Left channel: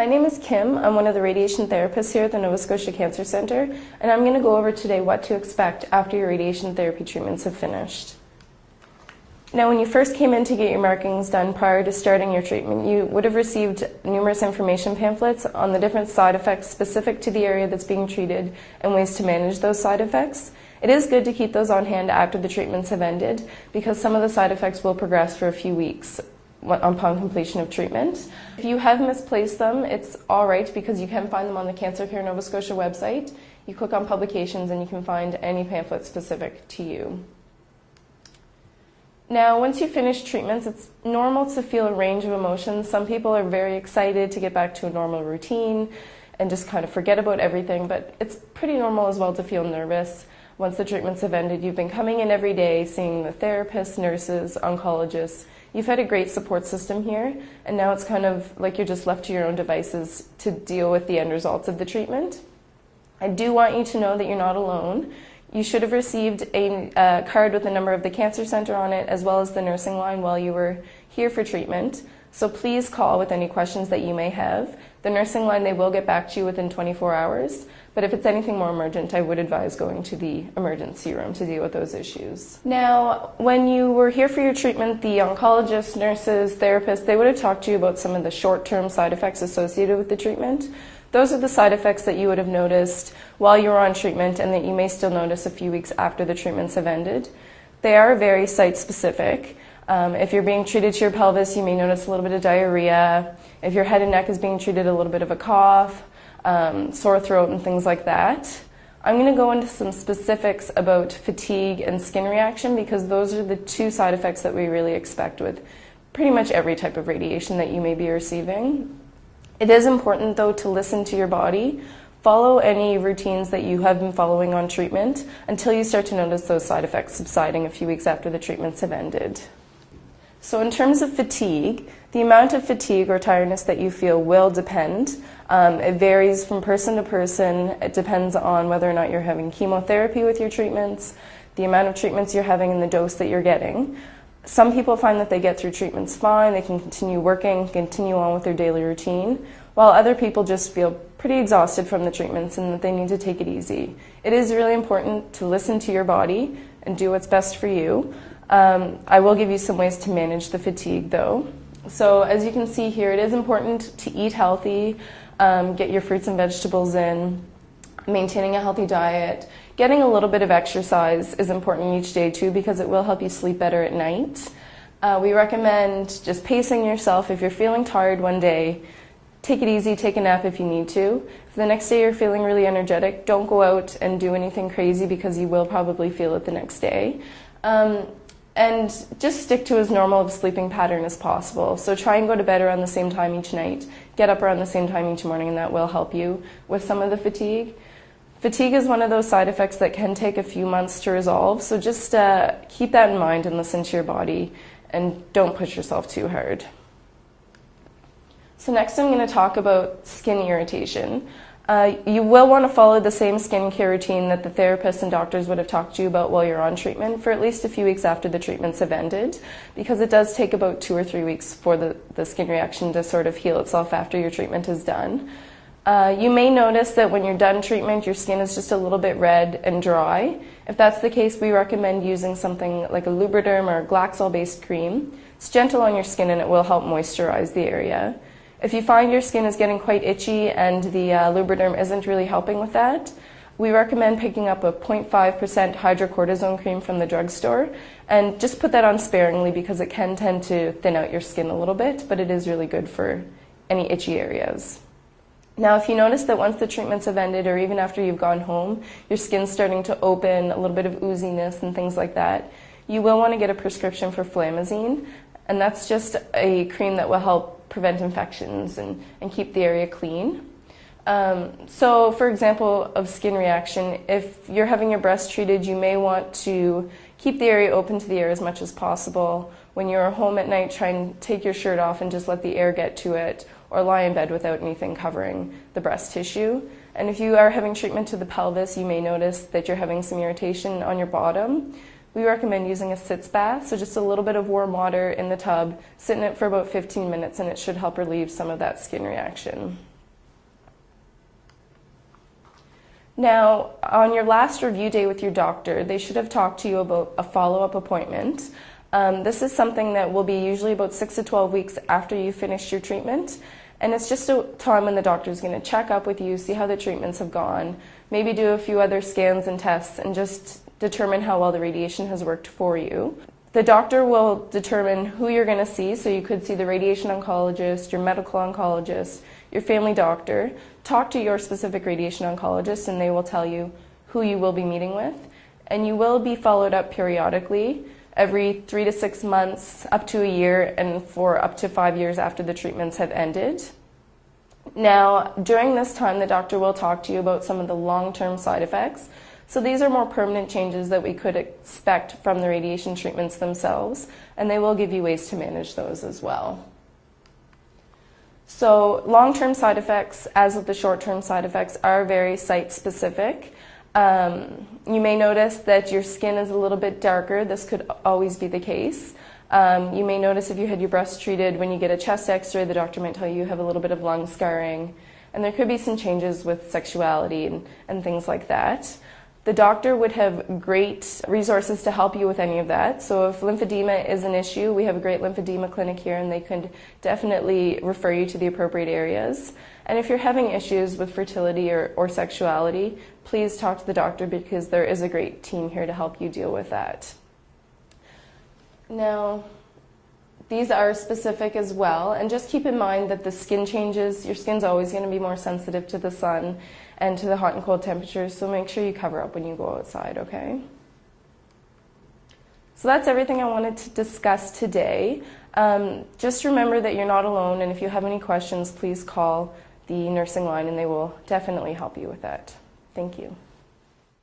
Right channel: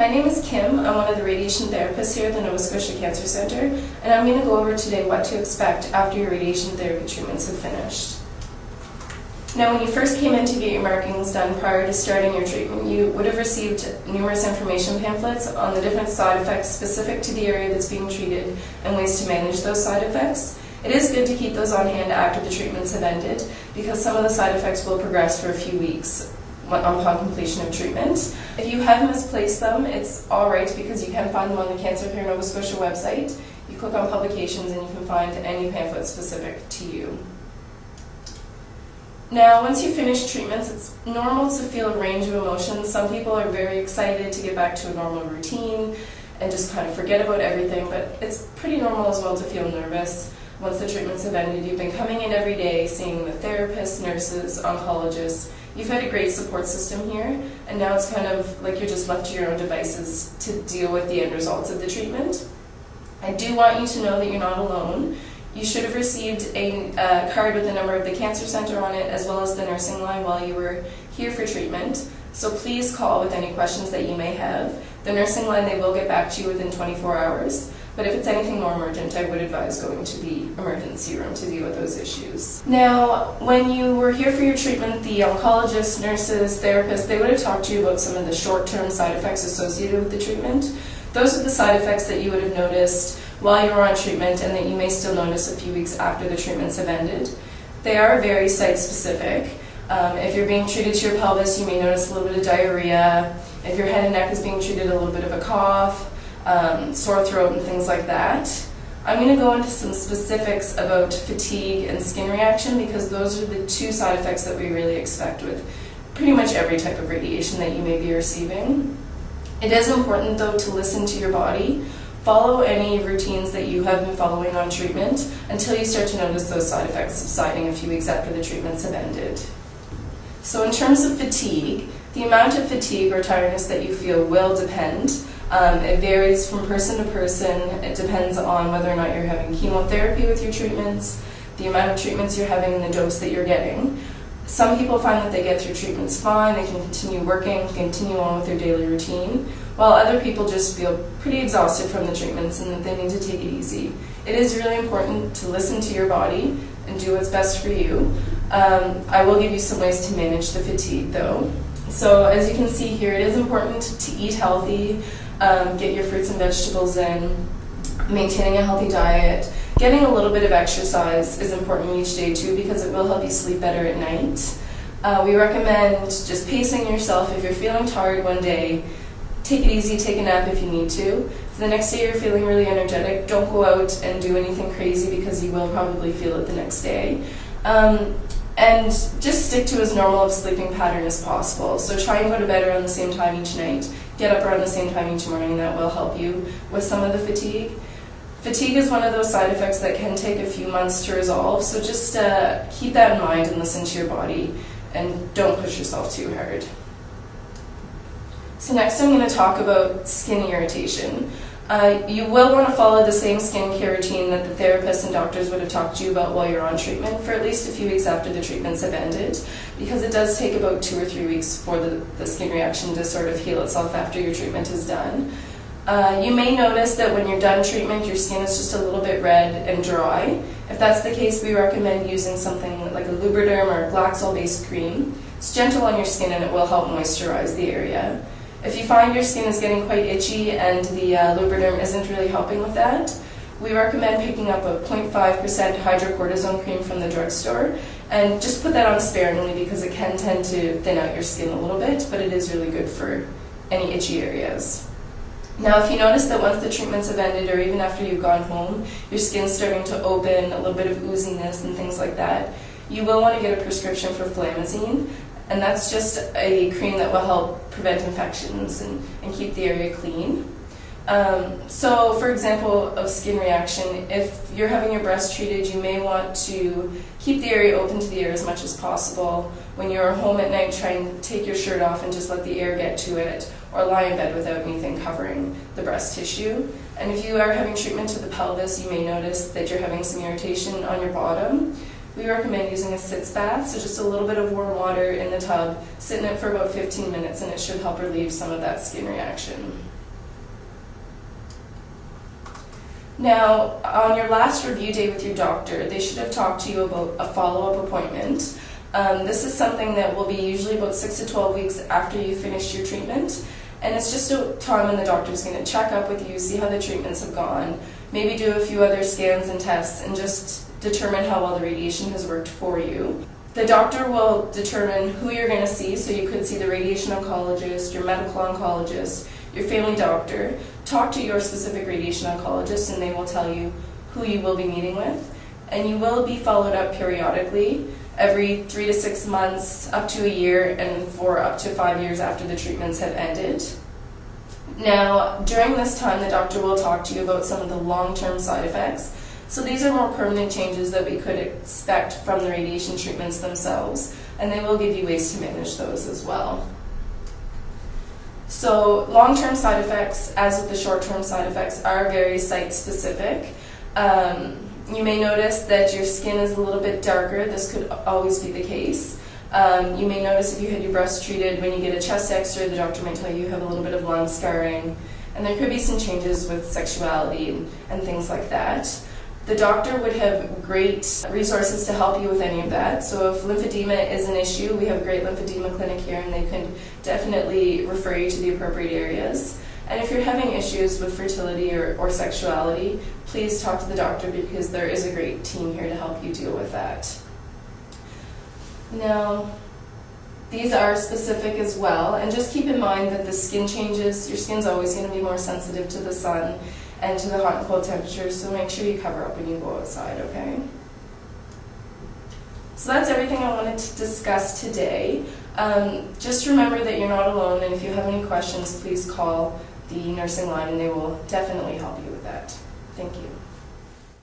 My name is Kim. I'm one of the radiation therapists here at the Nova Scotia Cancer Centre, and I'm going to go over today what to expect after your radiation therapy treatments have finished. Now, when you first came in to get your markings done prior to starting your treatment, you would have received numerous information pamphlets on the different side effects specific to the area that's being treated and ways to manage those side effects. It is good to keep those on hand after the treatments have ended because some of the side effects will progress for a few weeks upon completion of treatment. If you have misplaced them, it's alright because you can find them on the Cancer Care Nova Scotia website. You click on publications and you can find any pamphlet specific to you. Now, once you finish treatments, it's normal to feel a range of emotions. Some people are very excited to get back to a normal routine and just kind of forget about everything, but it's pretty normal as well to feel nervous. Once the treatments have ended, you've been coming in every day, seeing the therapists, nurses, oncologists. You've had a great support system here, and now it's kind of like you're just left to your own devices to deal with the end results of the treatment. I do want you to know that you're not alone. You should have received a card with the number of the Cancer Centre on it, as well as the nursing line while you were here for treatment. So please call with any questions that you may have. The nursing line, they will get back to you within 24 hours. But if it's anything more emergent, I would advise going to the emergency room to deal with those issues. Now, when you were here for your treatment, the oncologists, nurses, therapists, they would have talked to you about some of the short-term side effects associated with the treatment. Those are the side effects that you would have noticed while you were on treatment and that you may still notice a few weeks after the treatments have ended. They are very site-specific. If you're being treated to your pelvis, you may notice a little bit of diarrhea. If your head and neck is being treated, a little bit of a cough, sore throat and things like that. I'm going to go into some specifics about fatigue and skin reaction because those are the two side effects that we really expect with pretty much every type of radiation that you may be receiving. It is important though to listen to your body. Follow any routines that you have been following on treatment until you start to notice those side effects subsiding a few weeks after the treatments have ended. So in terms of fatigue, the amount of fatigue or tiredness that you feel will depend. It varies from person to person. It depends on whether or not you're having chemotherapy with your treatments, the amount of treatments you're having and the dose that you're getting. Some people find that they get through treatments fine, they can continue working, continue on with their daily routine, while other people just feel pretty exhausted from the treatments and that they need to take it easy. It is really important to listen to your body and do what's best for you. I will give you some ways to manage the fatigue though. So as you can see here, it is important to eat healthy, get your fruits and vegetables in, maintaining a healthy diet. Getting a little bit of exercise is important each day too because it will help you sleep better at night. We recommend just pacing yourself. If you're feeling tired one day, take it easy, take a nap if you need to. If the next day you're feeling really energetic, don't go out and do anything crazy because you will probably feel it the next day. And just stick to as normal of sleeping pattern as possible. So try and go to bed around the same time each night. Get up around the same time each morning, and that will help you with some of the fatigue. Fatigue is one of those side effects that can take a few months to resolve, so just keep that in mind and listen to your body and don't push yourself too hard. So next I'm going to talk about skin irritation. You will want to follow the same skincare routine that the therapists and doctors would have talked to you about while you're on treatment for at least a few weeks after the treatments have ended, because it does take about 2 or 3 weeks for the skin reaction to sort of heal itself after your treatment is done. You may notice that when you're done treatment, your skin is just a little bit red and dry. If that's the case, we recommend using something like a Lubriderm or a Glaxol-based cream. It's gentle on your skin and it will help moisturize the area. If you find your skin is getting quite itchy and the Lubriderm isn't really helping with that, we recommend picking up a 0.5% hydrocortisone cream from the drugstore and just put that on sparingly because it can tend to thin out your skin a little bit, but it is really good for any itchy areas. Now, if you notice that once the treatments have ended or even after you've gone home, your skin's starting to open, a little bit of ooziness and things like that, you will want to get a prescription for Flamazine, and that's just a cream that will help prevent infections and keep the area clean. So, for example, of skin reaction, if you're having your breast treated, you may want to keep the area open to the air as much as possible. When you're home at night, try and take your shirt off and just let the air get to it, or lie in bed without anything covering the breast tissue. And if you are having treatment to the pelvis, you may notice that you're having some irritation on your bottom. We recommend using a sitz bath, so just a little bit of warm water in the tub, sit in it for about 15 minutes, and it should help relieve some of that skin reaction. Now, on your last review day with your doctor, they should have talked to you about a follow-up appointment. This is something that will be usually about 6 to 12 weeks after you finished your treatment. And it's just a time when the doctor is going to check up with you, see how the treatments have gone, maybe do a few other scans and tests, and just determine how well the radiation has worked for you. The doctor will determine who you're going to see, so you could see the radiation oncologist, your medical oncologist, your family doctor. Talk to your specific radiation oncologist and they will tell you who you will be meeting with. And you will be followed up periodically, every 3 to 6 months, up to a year, and for up to 5 years after the treatments have ended. Now, during this time, the doctor will talk to you about some of the long-term side effects. So these are more permanent changes that we could expect from the radiation treatments themselves, and they will give you ways to manage those as well. So long-term side effects, as with the short-term side effects, are very site-specific. You may notice that your skin is a little bit darker. This could always be the case. You may notice if you had your breast treated, when you get a chest x-ray, the doctor might tell you have a little bit of lung scarring. And there could be some changes with sexuality and things like that. The doctor would have great resources to help you with any of that. So if lymphedema is an issue, we have a great lymphedema clinic here and they could definitely refer you to the appropriate areas. And if you're having issues with fertility or sexuality, please talk to the doctor because there is a great team here to help you deal with that. Now, these are specific as well, and just keep in mind that the skin changes, your skin's always going to be more sensitive to the sun and to the hot and cold temperatures, so make sure you cover up when you go outside, okay? So that's everything I wanted to discuss today. Just remember that you're not alone, and if you have any questions, please call the nursing line and they will definitely help you with that. Thank you.